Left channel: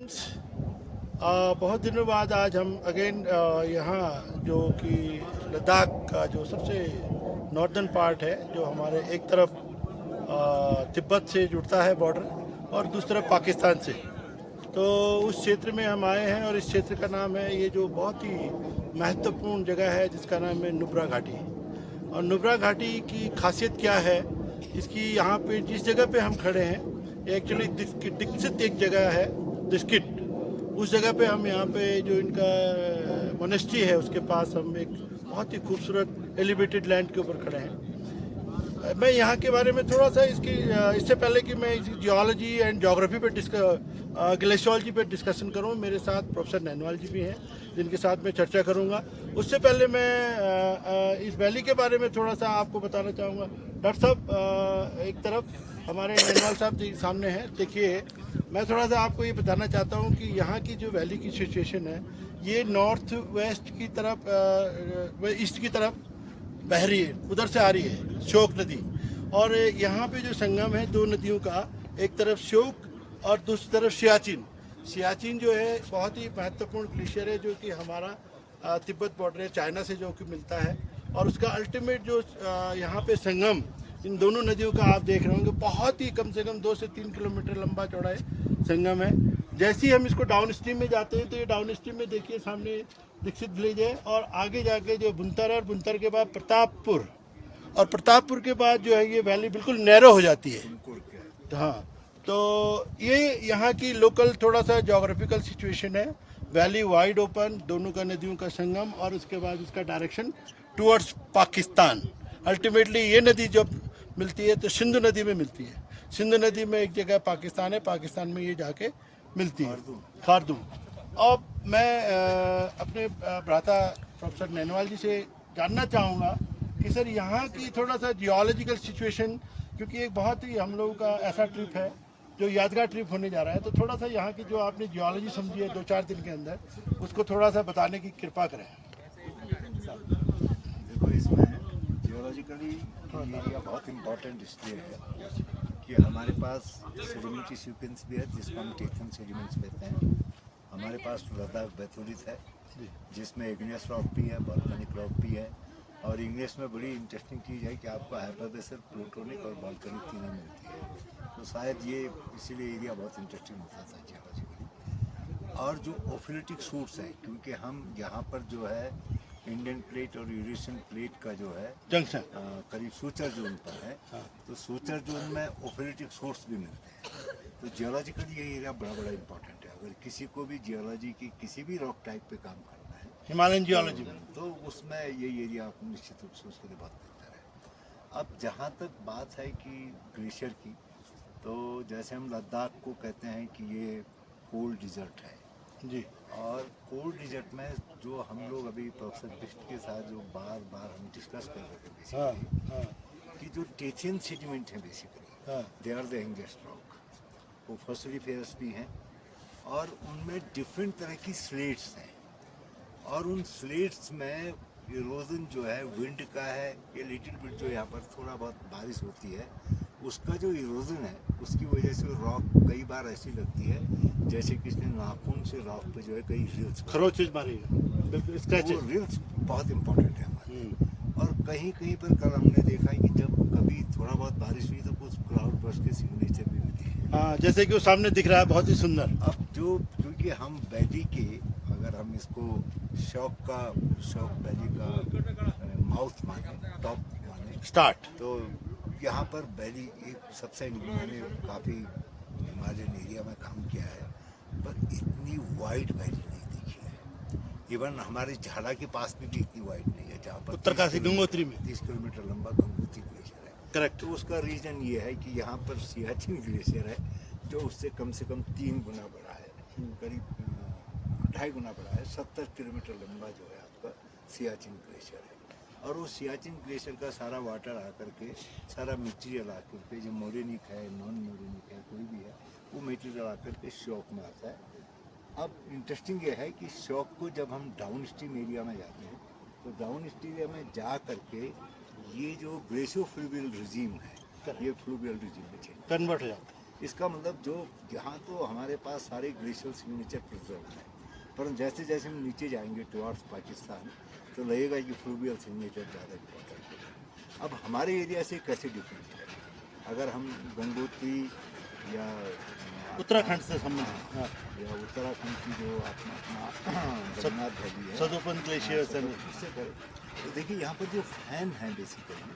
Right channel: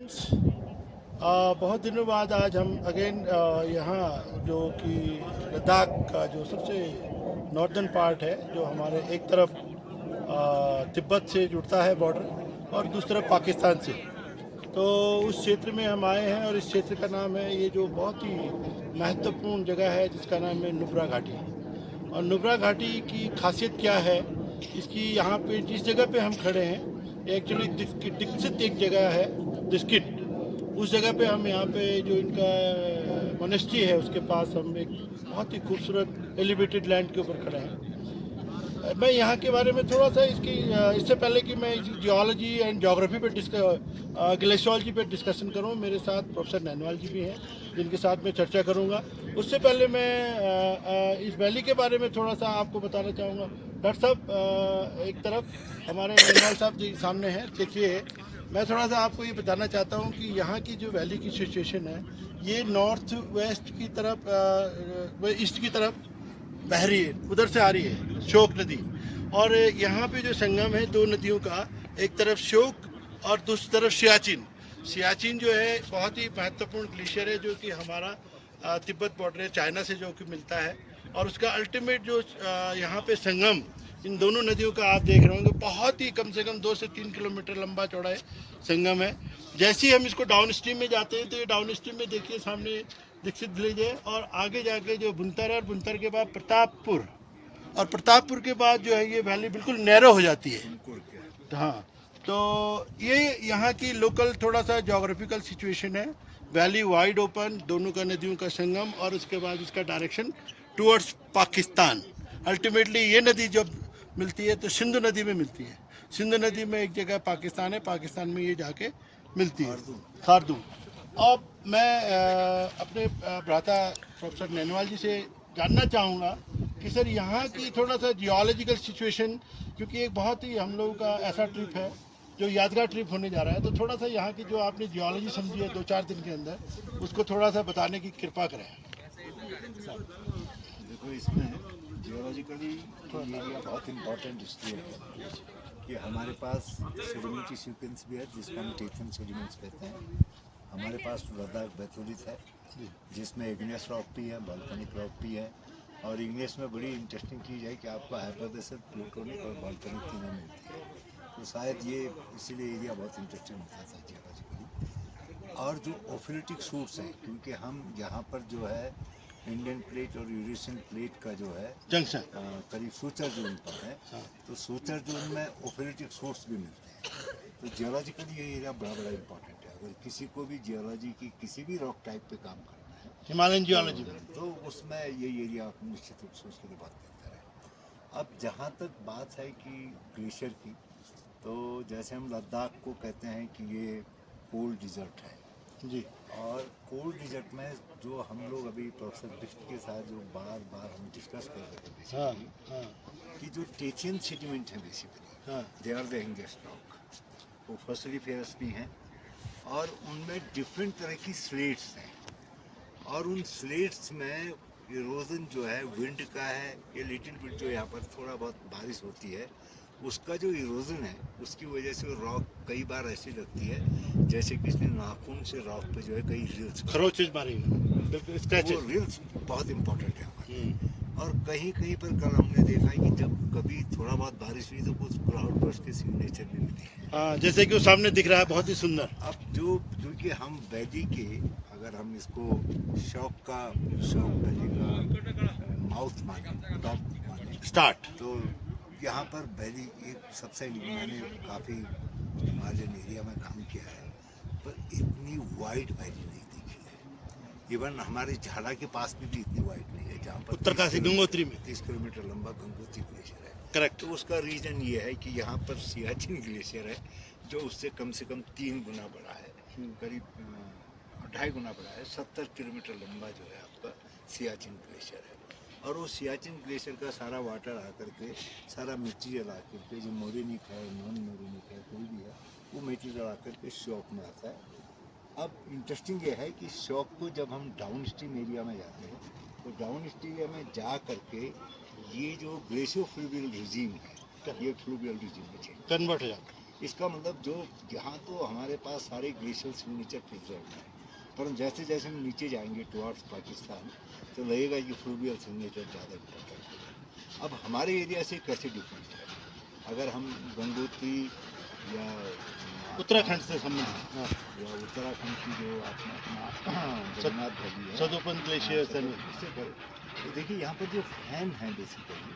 बहुत दिनों बाद आज हम अगेन यहाँ जो कि लद्दाख का जो सबसे नॉर्दर्न पार्ट है, जो हमारे एक तरफ तिब्बत से जुड़ता है बॉर्डर और दूसरी तरफ पाकिस्तान से, तो उस क्षेत्र में हम आए हैं। और इस क्षेत्र का नाम है, ये जो बहुत ही महत्वपूर्ण जगह है जिसका नाम है नुब्रा घाटी। और नुब्रा घाटी की खासियत क्या है, इसकी यहाँ पे जिस जगह पे हम खड़े हैं, एक्चुअली दिक्सित एक जगह है, दिस्किट। उस जगह पे हम यहाँ पे जो इनका मोनेस्ट्री है उसके पास हम एक बहुत ही खूबसूरत एलिवेटेड लैंड के ऊपर खड़े हैं। मैं यहाँ के बारे में थोड़ा सा इससे पहले कि मैं जियोलॉजी एंड ज्योग्राफी पे ग्लेशियोलॉजी पे डिस्कशन करूँ, मेरे साथ प्रोफेसर नैनवाल जी भी हैं जिनके साथ मैं चर्चा करूँगा। उससे पहले मैं इस वैली के बारे में थोड़ा सा आपको बताना चाहूँगा। डॉक्टर साहब एक तरफ हमारे नैनवाल साहब जी सामने हैं, देखिए मैं थोड़ा सा आपको ये बताना चाहता हूँ कि यहाँ की जो वैली की सिचुएशन है, ये नॉर्थ वेस्ट की तरफ ईस्ट की तरफ बह रही है, उधर से आ रही है श्योक नदी। और यहाँ पे जो संगम है दो नदियों का, एक तरफ श्योक और दूसरी तरफ सियाचिन। सियाचिन जो है बहुत ही महत्वपूर्ण ग्लेशियर है, जो कि हमारा तिब्बत बॉर्डर है चाइना से जो कि मिलता है। और उसका अल्टीमेट जो यहाँ पे संगम इन दोनों नदियों का आप देख रहे होंगे, बहुत ही कम से कम 2 से 3 किलोमीटर लंबा चौड़ा है संगम है। जैसे ही हम इसको डाउन स्ट्रीम में जाते हैं तो ये डाउन स्ट्रीम में देखिए सामने दीक्षित विलेज है, और आगे जाके जो बुनतर है, और बुनतर के बाद प्रतापपुर, और प्रतापपुर के बाद जो है ये वैली बिल्कुल नैरो हो जाती है। हाँ, तो ये यहाँ की लोकल थोड़ा सा जोग्राफिकल सिचुएशन है। वैली वाइड ओपन, दोनों का नदियों का संगम, और उसके बाद इसका डायरेक्शन टुवर्ड्स पाकिस्तान। अल्टीमेटली ये नदी जब मिलती है तो सिंधु नदी में मिलती है। सिंधु नदी में एक जगह पाकिस्तान है, पाकिस्तान में ये जाके मिलती है खारदूम। अब मैं अपने भ्राता प्रोफेसर नैनवाल जी से जानना चाहूँगा कि सर यहाँ की थोड़ा सा जियोलॉजिकल सिचुएशन, क्योंकि एक बहुत ही हम लोगों का ऐसा ट्रिप है जो यादगार ट्रिप होने जा रहा है, तो थोड़ा सा यहाँ की जो आपने जियोलॉजी समझी है 2-4 दिन के अंदर, उसको थोड़ा सा बताने की कृपा करें। देखो, इसमें जियोलॉजिकली ये एरिया बहुत इम्पोर्टेंट इसलिए है कि हमारे पास सेडिमेंट्री सीक्वेंस भी है जिसको हम टेथन सेडिमेंट्स कहते हैं। हमारे पास लद्दाख बैथोलिथ है जिसमें इग्नियस रॉक भी है, वॉल्केनिक रॉक भी है। और इग्नियस में बड़ी इंटरेस्टिंग चीज़ है कि आपको हाइपरबेसल, प्लूटोनिक और वॉल्केनिक तीनों मिलती है। तो शायद ये इसीलिए एरिया बहुत इंटरेस्टिंग होता था जियोलॉजिकली। और जो ओफिलिटिक सूट्स हैं, क्योंकि हम यहाँ पर जो है इंडियन प्लेट और यूरेशियन प्लेट का जो है जंक्शन करीब सूचर जोन पर है। हाँ। तो सूचर जोन में ओफिलिटिक सोर्स भी मिलते हैं। तो जियोलॉजिकली ये एरिया बड़ा इम्पोर्टेंट है। अगर किसी को भी जियोलॉजी की किसी भी रॉक टाइप पे काम करना है, हिमालयन जियोलॉजी में, तो उसमें ये एरिया निश्चित रूप से उसके लिए बहुत बेहतर है। अब जहाँ तक बात है कि ग्लेशियर की, तो जैसे हम लद्दाख को कहते हैं कि ये कोल्ड डिजर्ट है जी। और कोल्ड डिजर्ट में जो हम लोग अभी प्रोफेसर बिस्ट के साथ जो बार बार हम डिस्कस कर रहे थे हाँ बेसिकली, हाँ कि जो टेथियन सेडिमेंट है बेसिकली हाँ they are the youngest rock, वो फॉसिलिफेरस भी हैं और उनमें डिफरेंट तरह की स्लेट्स हैं। और उन स्लेट्स में इरोजन जो है विंड का है, ये लिटिल बिट जो यहाँ पर थोड़ा बहुत बारिश होती है उसका जो इरोजन है उसकी वजह से रॉक कई बार ऐसी लगती है जैसे कि इसने नाखून से रॉक पे जो है कई रिल्स खरोचेज मारी, वो रिल्स बहुत इंपॉर्टेंट है हमारे। और कहीं कहीं पर कल हमने देखा है कि जब कभी थोड़ा बहुत बारिश हुई तो कुछ क्लाउड बर्स्ट के सिग्नेचर भी मिले हैं। हाँ, जैसे कि वो सामने दिख रहा है, बहुत ही सुंदर। अब जो क्योंकि हम वैली के, अगर हम इसको शॉक वैली का माउथ माने, टॉप माने, स्टार्ट, तो यहाँ पर वैली एक सबसे, मैंने काफ़ी हिमालयन एरिया में काम किया है पर इतनी वाइड वैली नहीं देखी है। इवन हमारे झाला के पास में भी इतनी वाइड नहीं है जहाँ पर उत्तरकाशी गंगोत्री में 30 किलोमीटर लंबा गंगोत्री ग्लेशियर है। करेक्ट। तो उसका रीज़न ये है कि यहाँ पर सियाचिन ग्लेशियर है जो उससे कम से कम 3 गुना बड़ा है, करीब 2.5 गुना बड़ा है। 70 किलोमीटर लंबा जो है आपका सियाचिन ग्लेशियर है। और वो सियाचिन ग्लेशियर का सारा वाटर आकर के, सारा मटेरियल आकर के, जो मोरेनिक है, नॉन मोरेनिक है, कोई भी है, वो मटेरियल आकर के शॉक में आता है। अब इंटरेस्टिंग ये है कि शॉक को जब हम डाउन स्ट्रीम एरिया में जाते हैं तो डाउन स्ट्रीम एरिया में जा करके ये जो ग्लेशियो फ्लूवियल रिजीम है, ये फ्लूवियल रिजीम में चेंज कन्वर्ट हो जाता इसका मतलब जो यहाँ तो हमारे पास सारे ग्लेशियल सिग्नेचर प्रिजर्व हैं, पर जैसे जैसे हम नीचे जाएंगे टुवार्ड्स पाकिस्तान तो लगेगा कि फ्लूवियल सिग्नेचर ज़्यादा इम्पोर्टेंट है। अब हमारे एरिया से कैसे डिफरेंट है, अगर हम गंगोत्री या उत्तराखंड से संबंधित, हाँ, या उत्तराखंड की जो अपना जगन्नाथ वैली है, सदोपन ग्लेशियर से उससे करें तो देखिए यहाँ पर जो फैन है बेसिकली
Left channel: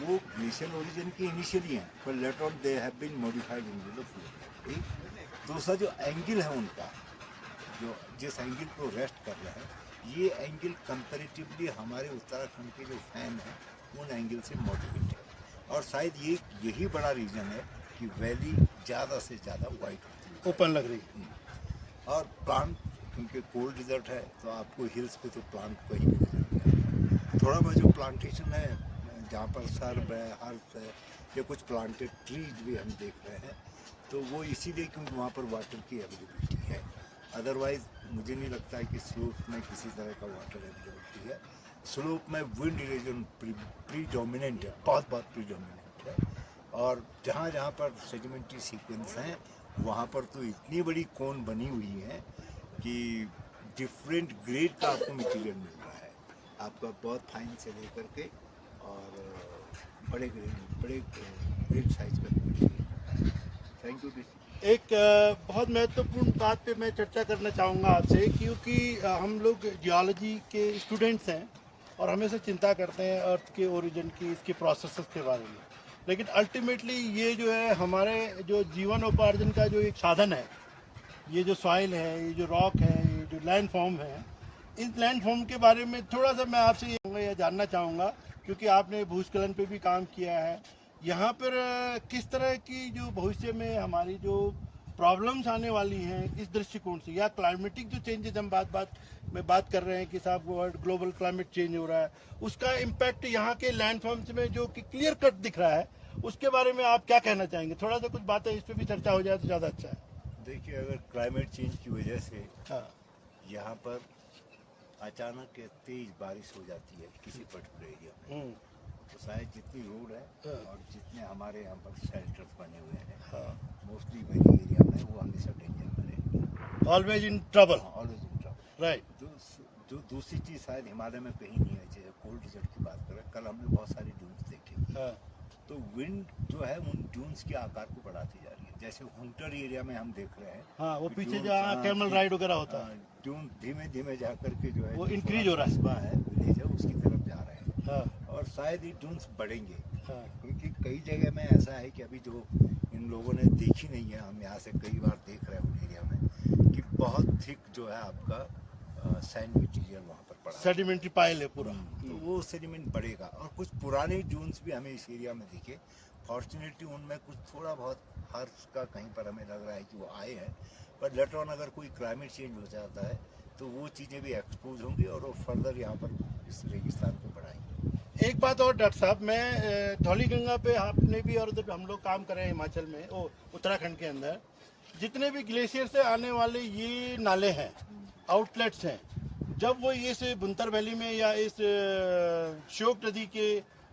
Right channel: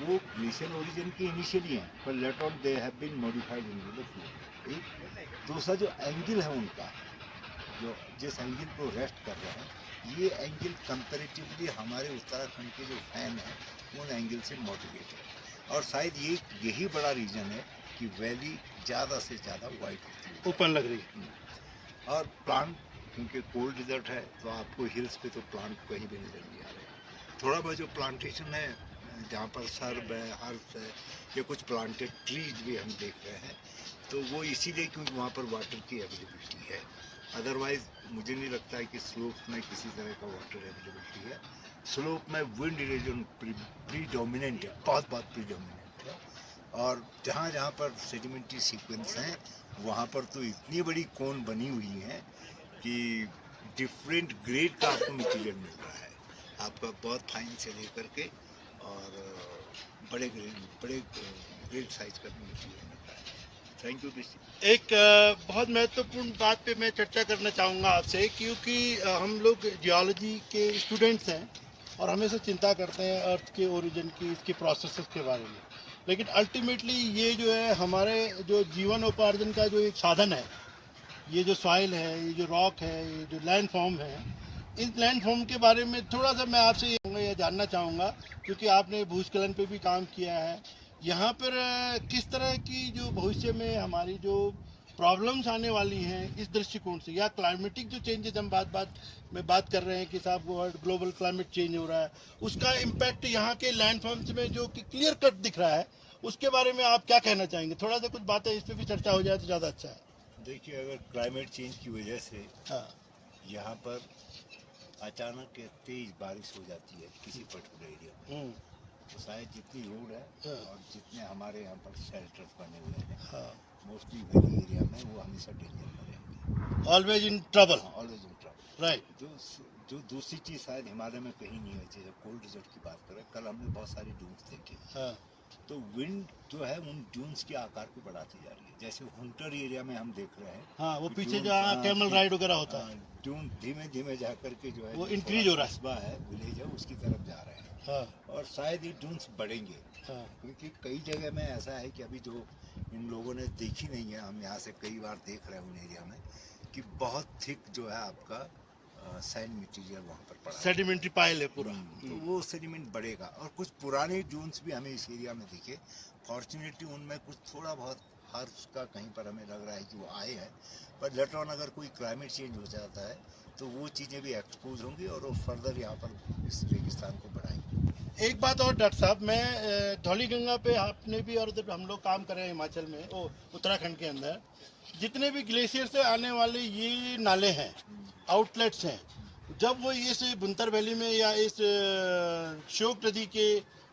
वो ग्लेशियल ओरिजिन के इनिशियली हैं, पर later on they have been modified in the flow. दूसरा जो एंगल है उनका, जो जिस एंगल को रेस्ट कर रहा है, ये एंगल कंपैरेटिवली हमारे उत्तराखंड के जो फैन हैं उन एंगल से मॉडिफाइड है। और शायद यही बड़ा रीज़न है कि वैली ज़्यादा से ज़्यादा वाइट होती है, ओपन लग रही है। और प्लांट क्योंकि कोल्ड डिजर्ट है तो आपको हिल्स पे तो प्लांट कहीं भी नजर नहीं आ रहे। थोड़ा बहुत जो प्लांटेशन है जहाँ पर सर्ब है, हर्ब है, या कुछ प्लांटेड ट्रीज भी हम देख रहे हैं, तो वो इसीलिए क्योंकि वहाँ पर वाटर की अवेलेबिलिटी है। अदरवाइज़ मुझे नहीं लगता है कि स्लोप में किसी तरह का वाटर अवेलेबिलिटी है। स्लोप में विंड इरोजन प्रीडोमिनेंट है, बहुत प्रीडोमिनेंट है। और जहाँ जहाँ पर सेडिमेंट्री सीक्वेंस हैं वहाँ पर तो इतनी बड़ी कोन बनी हुई है कि डिफरेंट ग्रेड का आपको मटेरियल मिल रहा है, आपका बहुत फाइन से लेकर के और बड़े ग्रेड साइज का मटेरियल मिल रहा है। थैंक यू ऋषि। एक बहुत महत्वपूर्ण बात पे मैं चर्चा करना चाहूँगा आपसे, क्योंकि हम लोग जियोलॉजी के स्टूडेंट्स हैं और हमेशा चिंता करते हैं अर्थ के ओरिजिन की, इसके प्रोसेसेस के बारे में, लेकिन अल्टीमेटली ये जो है हमारे जो जीवनोपार्जन का जो एक साधन है, ये जो सॉइल है, ये जो रॉक है, ये जो लैंड फॉर्म है, इस लैंड फॉर्म के बारे में थोड़ा सा मैं आपसे ये जानना चाहूँगा, क्योंकि आपने भूस्खलन पे भी काम किया है। यहाँ पर किस तरह की जो भविष्य में हमारी जो प्रॉब्लम्स आने वाली हैं इस दृष्टिकोण से, या क्लाइमेटिक जो चेंजेस हम बात कर रहे हैं कि साहब ग्लोबल क्लाइमेट चेंज हो रहा है, उसका इम्पैक्ट यहाँ के लैंड फॉर्म्स में जो कि क्लियर कट दिख रहा है, उसके बारे में आप क्या कहना चाहेंगे? थोड़ा सा कुछ बातें इस पर भी चर्चा हो जाए तो ज़्यादा अच्छा है। देखिए, अगर क्लाइमेट चेंज की वजह से हाँ, यहाँ पर अचानक तेज बारिश हो जाती है किसी पर्टिकुलर एरिया में, तो शायद जितनी रोड है और जितने हमारे यहाँ पर शेल्टर्स बने हुए हैं, मोस्टली वैली एरिया में, वो हमेशा डेंजर में रहेंगे, always in trouble. Always in trouble, right. जो दूसरी चीज़ शायद हिमालय में कहीं नहीं है, जैसे कोल्ड डिजर्ट की बात करें, कल हमने बहुत सारी ड्यून्स देखी, तो विंड जो है उन ड्यून्स के आकार को बढ़ाती जा रही है। जैसे हुंटर एरिया में हम देख रहे हैं, हाँ, वो पीछे जहाँ कैमल राइड वगैरह होता है, ड्यून धीमे धीमे जा करके जो है वो इंक्रीज हो रहा है, कस्बा है, विलेज है, उसकी तरफ जा रहे हैं। हाँ, और शायद ये ड्यून्स बढ़ेंगे, हाँ, क्योंकि कई जगह में ऐसा है कि अभी जो इन लोगों ने देखी नहीं है, हम यहाँ से कई बार देख रहे हैं उन एरिया में, कि बहुत थिक जो है आपका सैंड मटेरियल वहाँ पर पड़ा, सेडिमेंट्री पाइल है पूरा, तो वो सेडिमेंट बढ़ेगा। और कुछ पुराने ड्यून्स भी हमें इस एरिया में दिखे, फॉर्चुनेटली उनमें कुछ थोड़ा बहुत हर्ष का कहीं पर हमें लग रहा है कि वो आए हैं, पर लेटर ऑन अगर कोई क्लाइमेट चेंज हो जाता है तो वो चीज़ें भी एक्सपोज होंगी और वो फर्दर यहाँ पर इस रेगिस्तान को बढ़ाएंगे। एक बात और डॉक्टर साहब, मैं धौलीगंगा पे आपने भी और इधर हम लोग काम कर रहे हैं हिमाचल में, उत्तराखंड के अंदर जितने भी ग्लेशियर से आने वाले ये नाले हैं, आउटलेट्स हैं, जब वो इस बुंतर वैली में या इस श्योक नदी के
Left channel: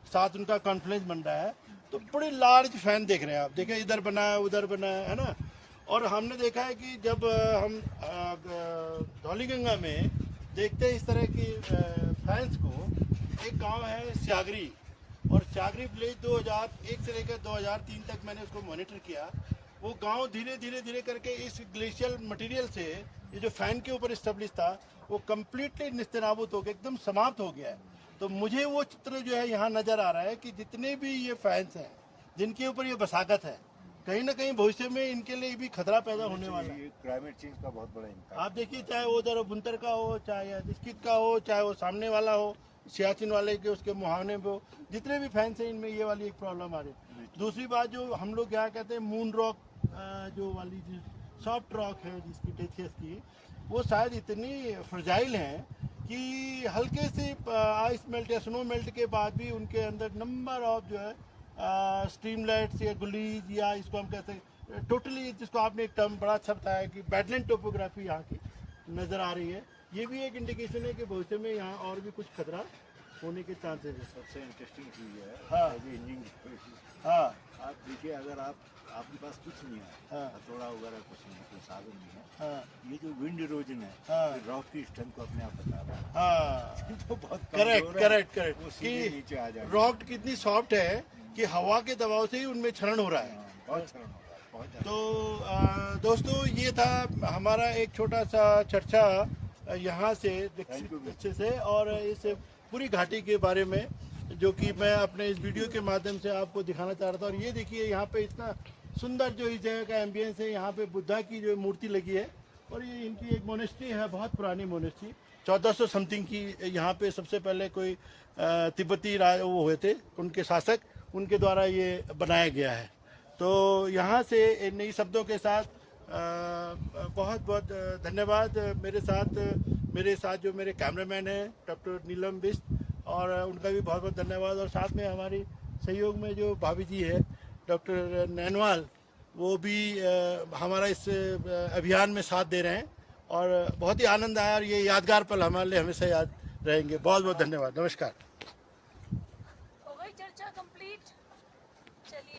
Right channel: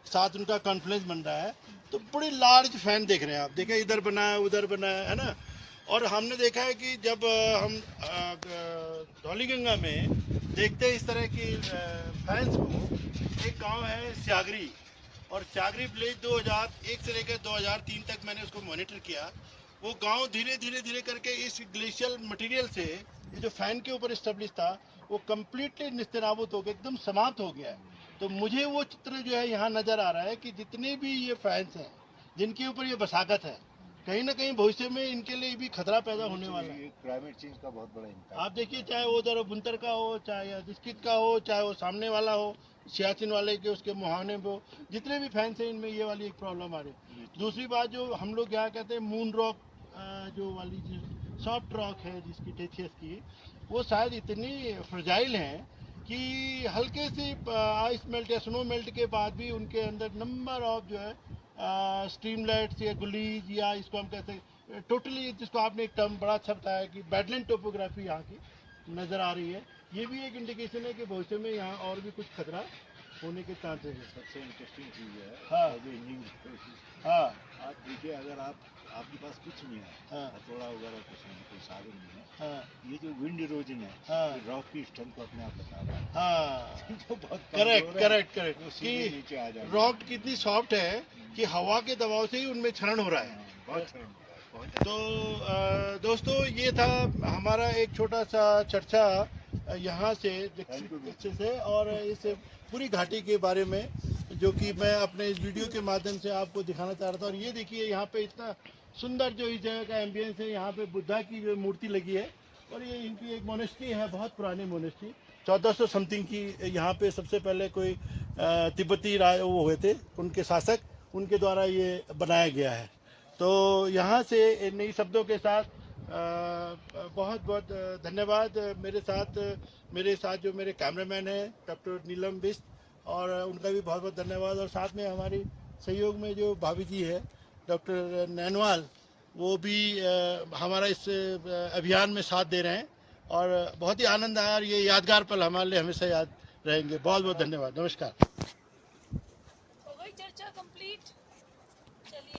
साथ उनका कॉन्फ्लुएंस बन रहा है, तो बड़े लार्ज फैन देख रहे हैं आप, देखें इधर बना है उधर बना है ना। और हमने देखा है कि जब हम धौलीगंगा में देखते हैं इस तरह की फैंस को, एक गांव है स्यागरी, और स्यागरी विलेज 2001 से लेकर 2003 तक मैंने उसको मॉनिटर किया। वो गांव धीरे धीरे करके इस ग्लेशियल मटेरियल से, ये जो फैन के ऊपर स्टेब्लिश था, वो कम्प्लीटली निस्तेनाबूत हो गया, एकदम समाप्त हो गया है। तो मुझे वो चित्र जो है यहाँ नज़र आ रहा है कि जितने भी ये फैंस हैं जिनके ऊपर ये बसाकत है, कहीं ना कहीं भविष्य में इनके लिए भी खतरा पैदा होने वाला है। क्लाइमेट चेंज का बहुत बड़ा इम्पैक्ट आप देखिए, चाहे वो उधर बुंतर का हो, चाहे डिस्किट का हो, चाहे वो सामने वाला हो सियाचिन वाले के उसके मुहाने में हो, जितने भी फैंस हैं इनमें ये वाली एक प्रॉब्लम आ रही है। दूसरी बात जो हम लोग क्या कहते हैं, मून रॉक जो वाली सॉफ्ट रॉक है जिसकी टेथियस की, वो शायद इतनी फ्रजाइल हैं कि हल्के से आइस मेल्ट या स्नो मेल्ट के बाद भी उनके अंदर नंबर ऑफ जो है स्ट्रीमलेट्स या गुलीज, या इसको हम कहते हैं टोटली, जिसको आपने एक टर्म बड़ा अच्छा बताया कि बैडलैंड टोपोग्राफी यहाँ की नज़र आ रही है। ये भी एक इंडिकेशन है कि भविष्य में यहाँ और भी कुछ खतरा होने के चांसेस है। सबसे इंटरेस्टिंग चीज़ है हाँ। एज इंजीनियर हाँ आप देखिए, अगर आपके पास कुछ नहीं है, हाँ। हथौड़ा वगैरह कुछ नहीं, कोई साधन नहीं है, हाँ ये जो विंड इरोजन है हाँ। ये रॉक की स्ट्रेंथ को अपने आप बता रहा है। हाँ जो बहुत करेक्ट कमजोर है, करेक्ट करेक्ट वो सीधे कि नीचे आ जाएगा। रॉक कितनी सॉफ्ट है कि हवा के दबाव से ही उनमें क्षरण हो रहा है। हाँ, बहुत शर्म हो रहा है, बहुत तो दोस्तों ये था हमारा एक छोटा सा चर्चा यहाँ से Thank you. अच्छे से और इस पूरी घाटी के बारे में जो कि मैं अपने इस वीडियो के माध्यम से आपको दिखाना चाह रहा था। और ये देखिए यहाँ पे इतना सुंदर जो इस जगह का एम्बियंस है, यहाँ पे बुद्धा की जो मूर्ति लगी है और ये इनकी एक मोनेस्ट्री है, बहुत पुरानी मोनेस्ट्री 1400 समथिंग की। यहाँ पे सबसे पहले कोई तिब्बती राज वो हुए थे, उनके शासक, उनके द्वारा ये बनाया गया है। तो यहाँ से इन नई शब्दों के साथ बहुत बहुत धन्यवाद। मेरे साथ जो मेरे कैमरामैन हैं डॉक्टर नीलम बिस्ट, और उनका भी बहुत बहुत धन्यवाद। और साथ में हमारी सहयोग में जो भाभी जी है डॉक्टर नैनवाल, वो भी हमारा इस अभियान में साथ दे रहे हैं और बहुत ही आनंद आया और ये यादगार पल हमारे लिए हमेशा याद रहेंगे। बहुत बहुत धन्यवाद। नमस्कार। हो गई चर्चा कंप्लीट। चलिए।